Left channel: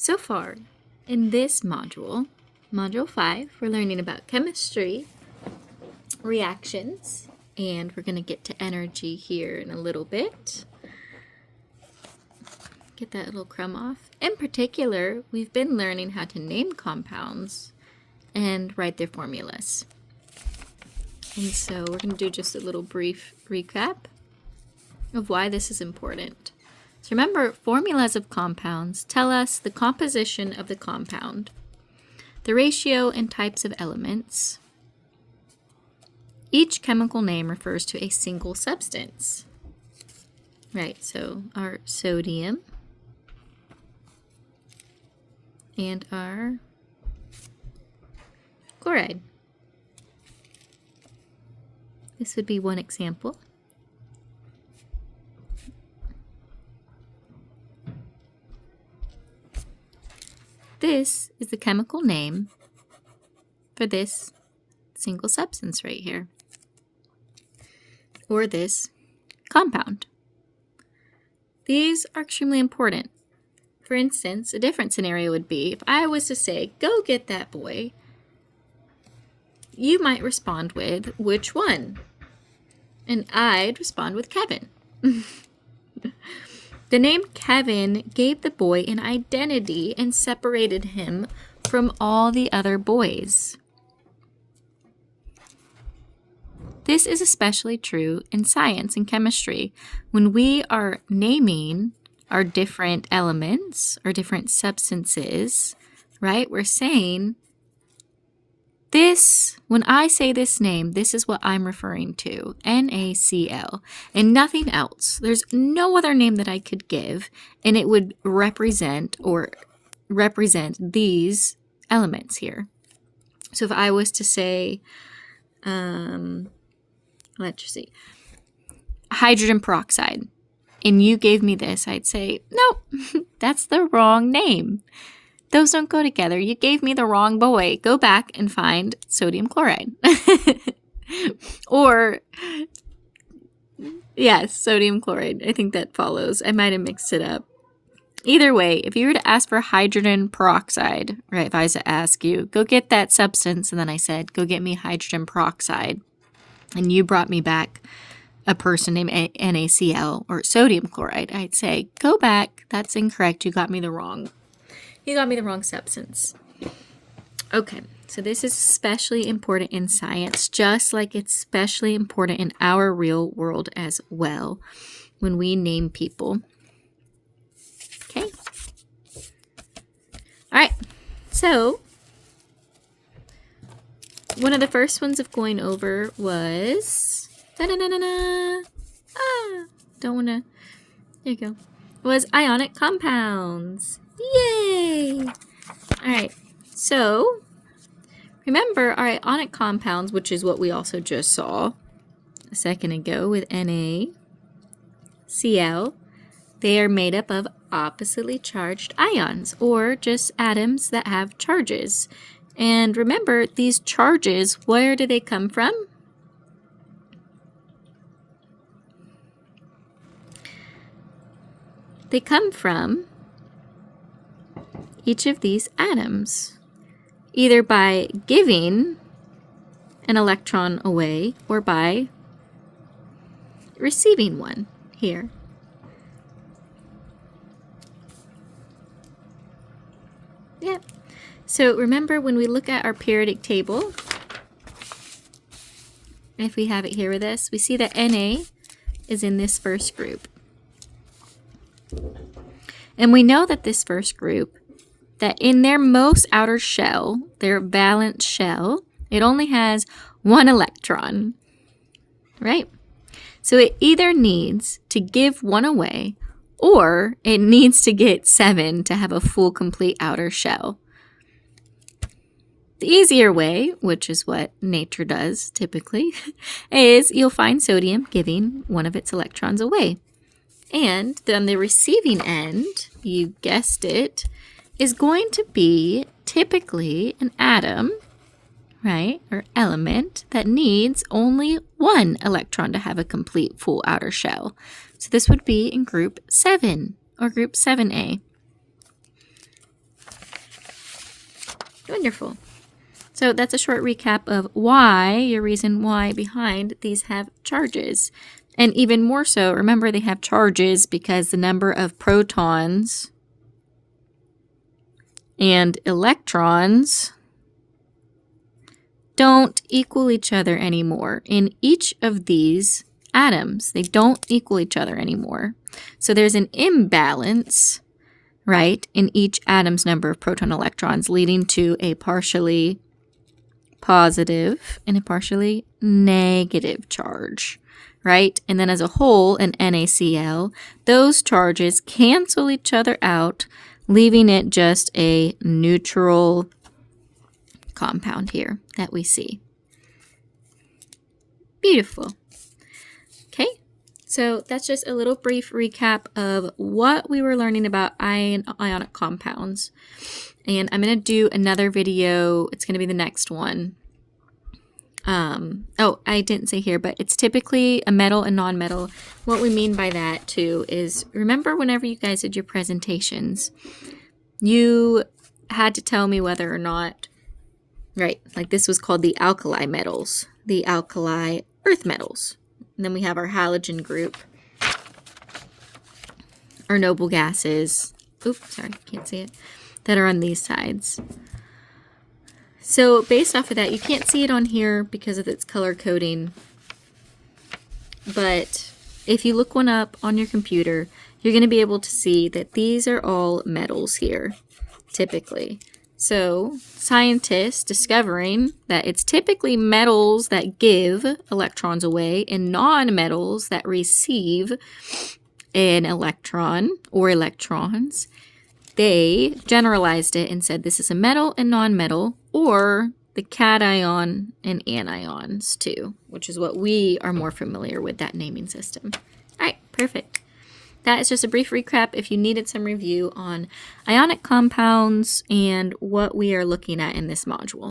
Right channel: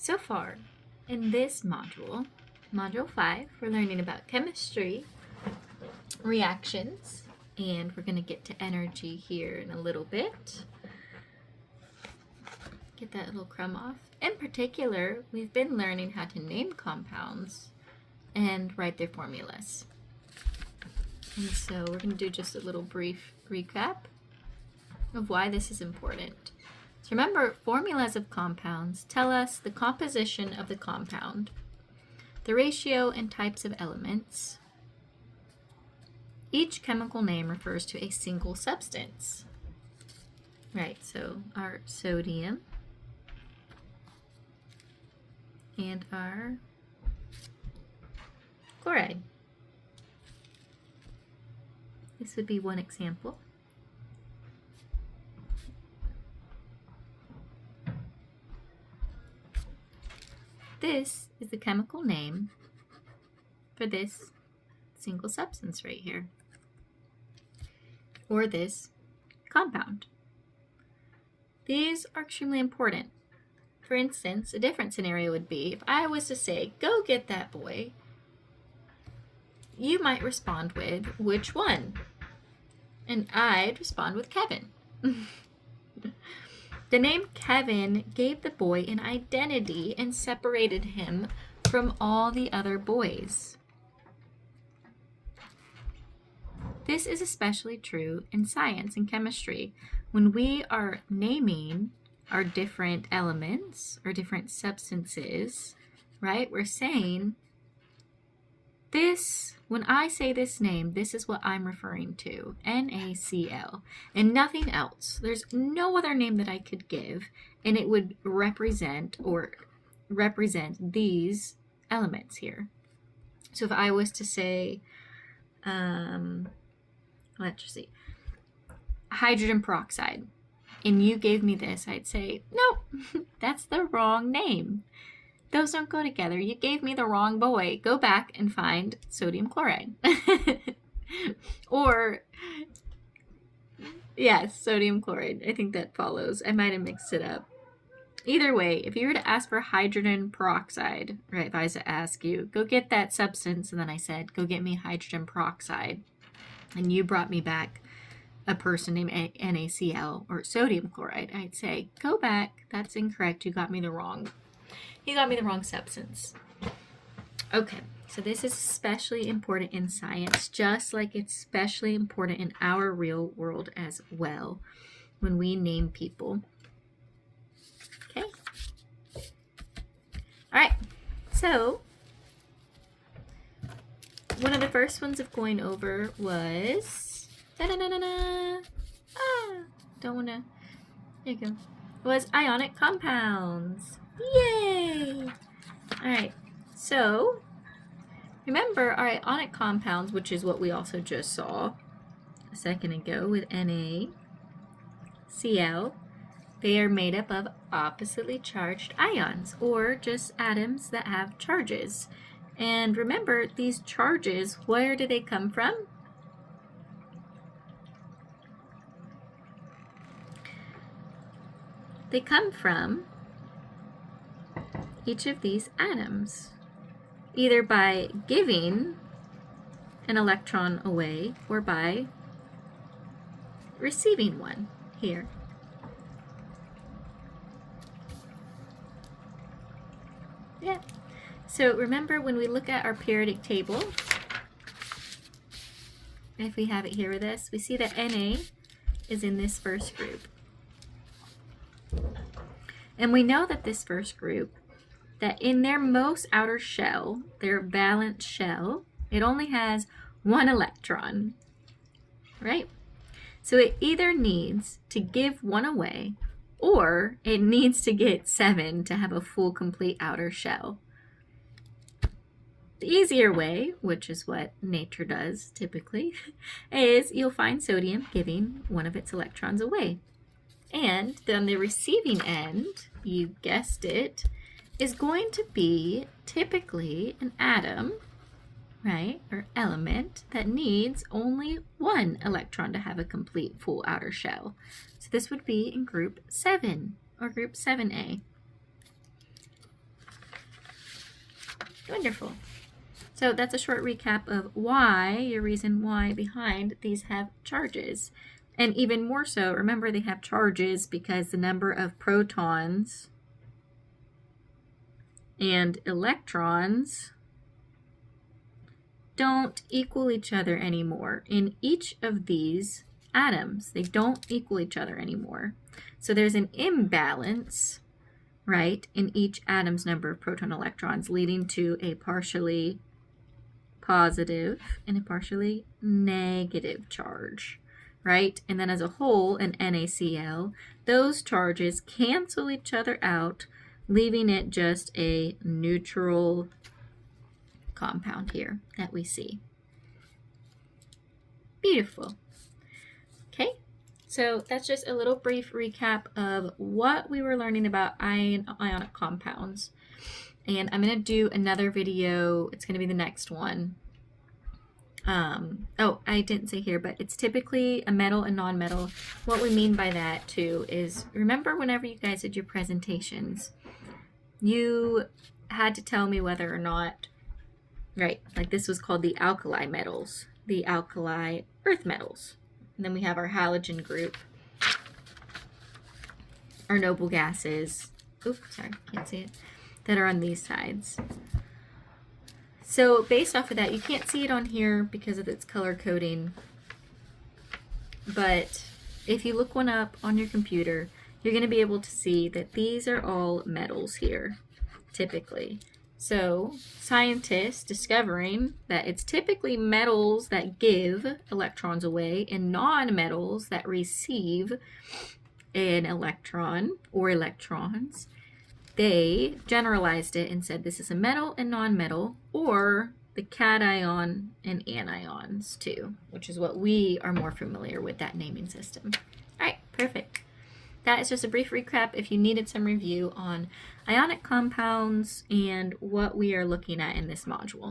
So far, in this module, Module 5, we're learning about chemistry, reactions, and we're going to get to energy here in a little bit. Get that little crumb off. In particular, we've been learning how to name compounds and write their formulas. And so we're going to do just a little brief recap of why this is important. So remember, formulas of compounds tell us the composition of the compound, the ratio and types of elements. Each chemical name refers to a single substance. Right, so our sodium and our chloride. This would be one example. This is the chemical name for this single substance right here, or this compound. These are extremely important. For instance, a different scenario would be if I was to say, go get that boy, you might respond with, which one? And I'd respond with Kevin. The name Kevin gave the boy an identity and separated him from all the other boys. This is especially true in science and chemistry. When we are naming our different elements or different substances, right? We're saying this, when I say this name, this is what I'm referring to, NaCl, and nothing else. There's no other name that I could give, and it would represent these elements here. So if I was to say, let's see, hydrogen peroxide, and you gave me this, I'd say, no, that's the wrong name. Those don't go together. You gave me the wrong boy. Go back and find sodium chloride. Or, yes, sodium chloride. I think that follows. I might have mixed it up. Either way, if you were to ask for hydrogen peroxide, right, if I was to ask you, go get that substance, and then I said, go get me hydrogen peroxide, and you brought me back a person named NaCl or sodium chloride, I'd say, go back. That's incorrect. You got me the wrong substance. Okay, so this is especially important in science, just like it's especially important in our real world as well when we name people. Okay. All right, so one of the first ones of going over was, don't want to, there you go, was ionic compounds. Yay! All right, so remember our ionic compounds, which is what we also just saw a second ago with NaCl, they are made up of oppositely charged ions, or just atoms that have charges. And remember, these charges, where do they come from? They come from each of these atoms, either by giving an electron away or by receiving one here. Yeah. So remember, when we look at our periodic table, if we have it here with us, we see that Na is in this first group. And we know that this first group, that in their most outer shell, their valence shell, it only has one electron, right? So it either needs to give one away, or it needs to get 7 to have a full, complete outer shell. The easier way, which is what nature does typically, is you'll find sodium giving one of its electrons away. And then the receiving end, you guessed it, is going to be typically an atom, right, or element that needs only one electron to have a complete full outer shell. So this would be in group 7 or group 7A. Wonderful. So that's a short recap of why, your reason why behind these have charges. And even more so, remember they have charges because the number of protons and electrons don't equal each other anymore. In each of these atoms, they don't equal each other anymore. So there's an imbalance, right, in each atom's number of proton electrons, leading to a partially positive and a partially negative charge, right? And then as a whole, in NaCl, those charges cancel each other out, leaving it just a neutral compound here that we see. Beautiful. Okay, so that's just a little brief recap of what we were learning about ionic compounds. And I'm going to do another video. It's going to be the next one. Oh, I didn't say here, but it's typically a metal and non-metal. What we mean by that, too, is remember whenever you guys did your presentations, you had to tell me whether or not, right, like this was called the alkali metals, the alkali earth metals. And then we have our halogen group, our noble gases, oops, sorry, can't see it, that are on these sides. So based off of that, you can't see it on here because of its color coding, but if you look one up on your computer, you're going to be able to see that these are all metals here, typically. So scientists discovering that it's typically metals that give electrons away and non-metals that receive an electron or electrons, they generalized it and said this is a metal and non-metal, or the cation and anions too, which is what we are more familiar with, that naming system. All right, perfect. That is just a brief recap if you needed some review on ionic compounds and what we are looking at in this module.